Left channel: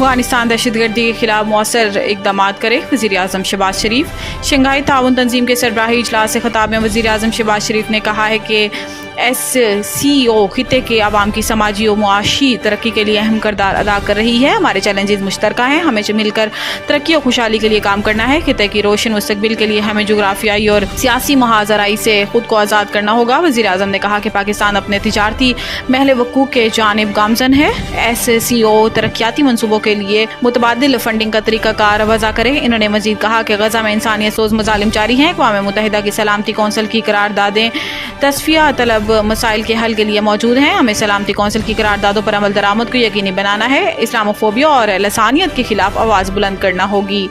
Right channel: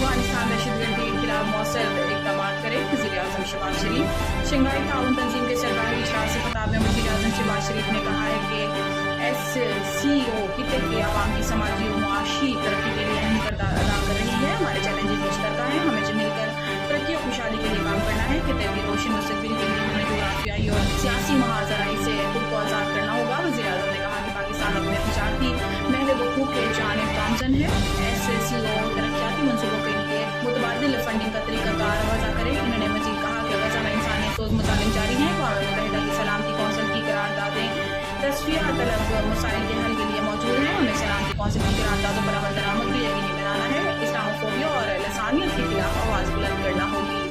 अफगानिस्तान दहशतगर्दी के खिलाफ मौसर इकदाम करे। वज़ीर आज़म शहबाज शरीफ। शंघाई ताउन तंजीम के सरबराही इजलास से खिताब में वज़ीर आज़म शहबाज शरीफ ने कहा है कि SCO खिते के आवाम की समाजी और मुआशी तरक्की के लिए अहम किरदार अदा कर रही है। हमारे चैलेंजेस मुश्तरका हैं, हमें मिलकर तरक्की और खुशहाली के लिए काम करना है। खिते की रोशन मुस्तकबिल के लिए हमें जोग्राफियाई और सियासी महाजराई से खुद को आज़ाद करना होगा। वज़ीर आज़म ने कहा कि पाकिस्तान अपने तिजारती महल वकूफ़ के जानिब गामजन है। SCO तरक्याती मनसूबों के लिए मुतबादिल फंडिंग का तरीक़ाकार वज़ा करे। इन्होंने मज़ीद कहा कि गज़ा में इंसानियत सोज़ मज़ालिम जारी हैं। अक़वाम मुत्तहिदा की सलामती कौंसिल की करारदादें तस्फिया तलब मसाइल के हल के लिए मौजूद हैं। हमें सलामती कौंसिल की करारदादों पर अमल दरामद को यकीनी बनाना है। इस्लामोफोबिया और लसानियत के खिलाफ आवाज़ बुलंद करना होगी।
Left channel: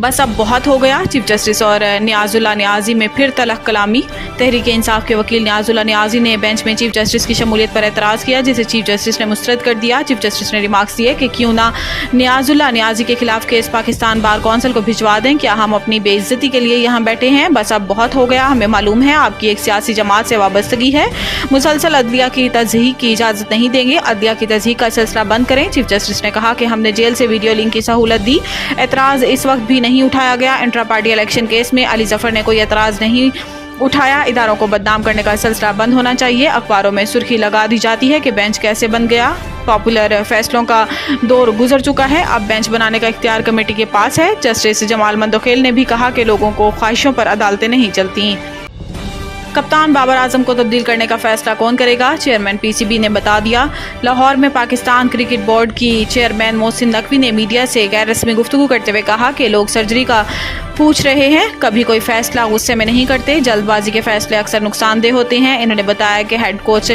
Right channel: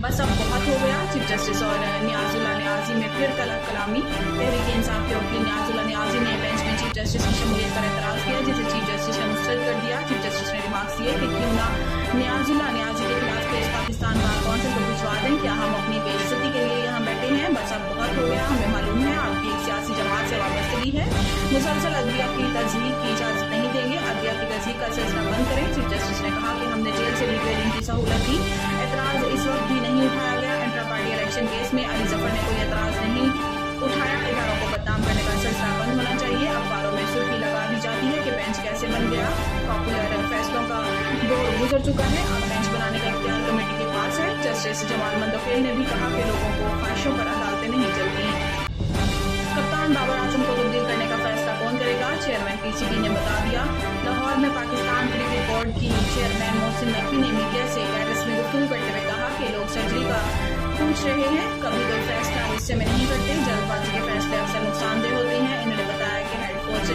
बस अब बहुत हो गया। चीफ जस्टिस और नियाजुल्लाह नियाजी में फिर तलख कलामी। तहरीक इंसाफ के वकील नियाजुल्लाह नियाजी ने बेंच में चीफ जस्टिस की शमूलियत पर एतराज़ किया, जिसे चीफ जस्टिस ने मुस्तरद कर दिया। चीफ जस्टिस ने रिमार्क्स दिए कि क्यों ना नियाजुल्लाह नियाजी के खिलाफ केस पाकिस्तान बार कौंसिल को भिजवा दें। क्या हम अपनी बेइज्जती के लिए यहाँ बैठे हैं? बस अब बहुत हो गया। हमें मालूम है आपकी एक सियासी जमात से वाबस्तगी है। मुसलसल अदलिया की तज़हीक की इजाज़त नहीं देंगे। अदलिया की तज़हीक का सिलसिला बंद करें। चीफ जस्टिस ने कहा कि हमने जेल से वीडियो लिंक की सहूलत दी। एतराज़ इस वक्त भी नहीं उठाया गया। इंट्रा पार्टी इलेक्शन केस में अली जफर ने कोई एतराज़ नहीं उठाया। इदारों को बदनाम करने का सिलसिला बंद होना चाहिए। अखबारों में सुर्खी लगा दी जाती है कि बेंच कैसे बन गया। पॉपुलर फैसलों का दौर गुजर चुका है। अब बेंच बनाने का इख्तियार कमेटी के पास है। जस्टिस जमाल मंदोखेल ने भी कहा कि लोगों को ख्वाहिशों पर अदालतें नहीं चलती। कप्तान बाबर आजम को तब्दील करने का फैसला कौन करेगा? चेयरमैन PCB ने बता दिया। लाहौर में पाकिस्तान क्रिकेट बोर्ड की चेयरमैन मोहसिन नकवी ने मीडिया से गैर रस्मी गुफ्तगू करते हुए कहा कि लोग सर्जरी का पूछ रहे हैं, कभी कोई फैसला गुस्से में नहीं करते। जल्दबाजी के फैसले अक्सर नुकसानदेह होते हैं। इन्होंने बताया कि हेड कोच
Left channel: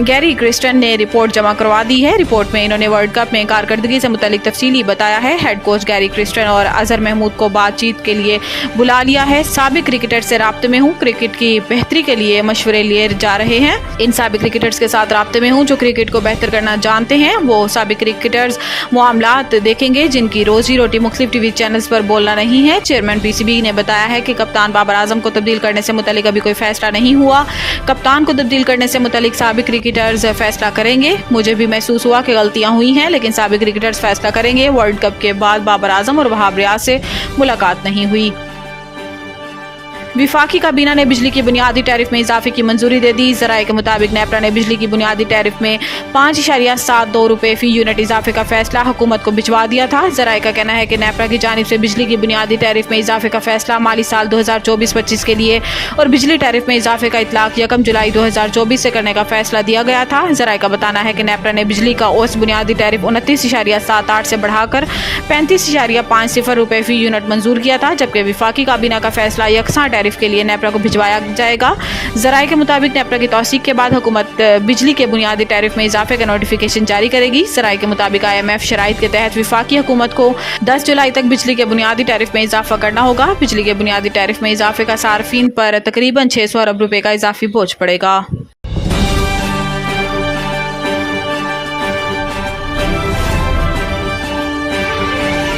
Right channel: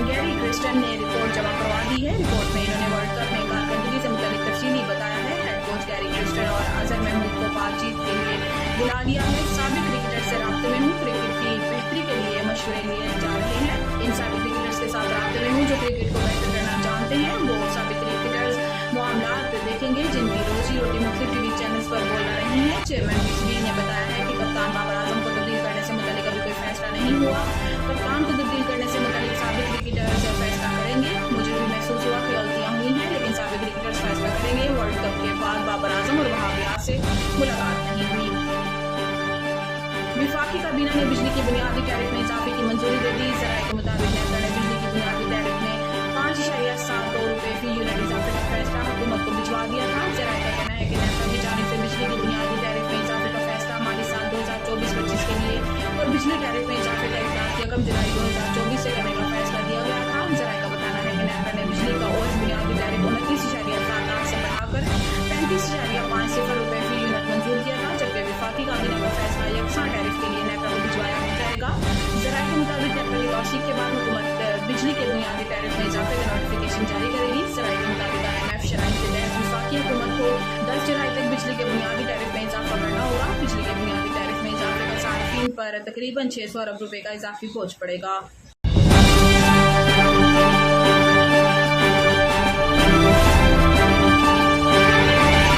गैरी क्रिस्टन ने रिपोर्ट जमा करवा दी है। रिपोर्ट में इन्होंने वर्ल्ड कप में कारकर्दगी से मुतालिक तफसीली बताया है। हेड कोच गैरी क्रिस्टन और अजहर महमूद को बातचीत के लिए बुला लिया है। साबिक क्रिकेटर से राब्ते में हूँ, क्रिकेट की बेहतरी के लिए मशवरे लिए जा रहे हैं। इन साबिक क्रिकेटर्स के साथ राब्ते में हूँ जो क्रिकेट को बेहतर करना जानते हैं। वो साबिक क्रिकेटर्स मामलात देखेंगे जिनकी रोजी रोटी मुख्तलिफ TV चैनल्स पर बोलना नहीं है। चेयरमैन PCB ने बताया है कि कप्तान बाबर आजम को तब्दील करने से मुतालिक अभी कोई फैसला नहीं हुआ। कप्तान को तब्दील करने से मुतालिक साबिक क्रिकेटर्स फैसला करेंगे। मुझे भी महसूस हुआ कि गलतियां हुई हैं, लेकिन साबिक क्रिकेटर्स फैसला करेंगे। वर्ल्ड कप के बाद बाबर आजम और वहाब रियाज से मुलाकात नहीं हुई। विफाकी काबीना ने बिजली की बुनियादी टैरिफ में इजाफे की मंजूरी दे दी। ज़राए के मुताबिक नेपरा ने बिजली की बुनियादी टैरिफ में 5.72 रुपये फी यूनिट इजाफे का फैसला हुकूमत को भिजवा दिया था। ज़राए का कहना है कि नेपरा की जानिब से बिजली की बुनियादी टैरिफ में इजाफे का फैसला माली साल 2024-25 के लिए और बिजली टैरिफ में इजाफे का इतलाक 1 जुलाई 2024 से करने का फैसला दिया गया था। ज़राए का बताना है कि नेपरा ने बिजली का औसत बुनियादी टैरिफ 29.78 से बढ़ाकर 35.50 रुपये फी यूनिट मंजूर किया था, जबकि विफाकी काबीना का फैसला यकसा टैरिफ के लिए नेपरा को भिजवाया जाएगा। ज़राए के मुताबिक नेपरा की तौसीक के बाद हुकूमत बिजली के बुनियादी टैरिफ में इजाफे का नोटिफिकेशन जारी करेगी। ज़राए के मुताबिक IMF शराइत के तहत विफाकी हुकूमत को 10 जुलाई तक बिजली के बुनियादी टैरिफ में इजाफा करना होगा। बिजली के बुनियादी टैरिफ में इजाफे का सार्फिन पर तकरीबन 600 अरब रुपए का इजाफी बोझ पड़ेगा।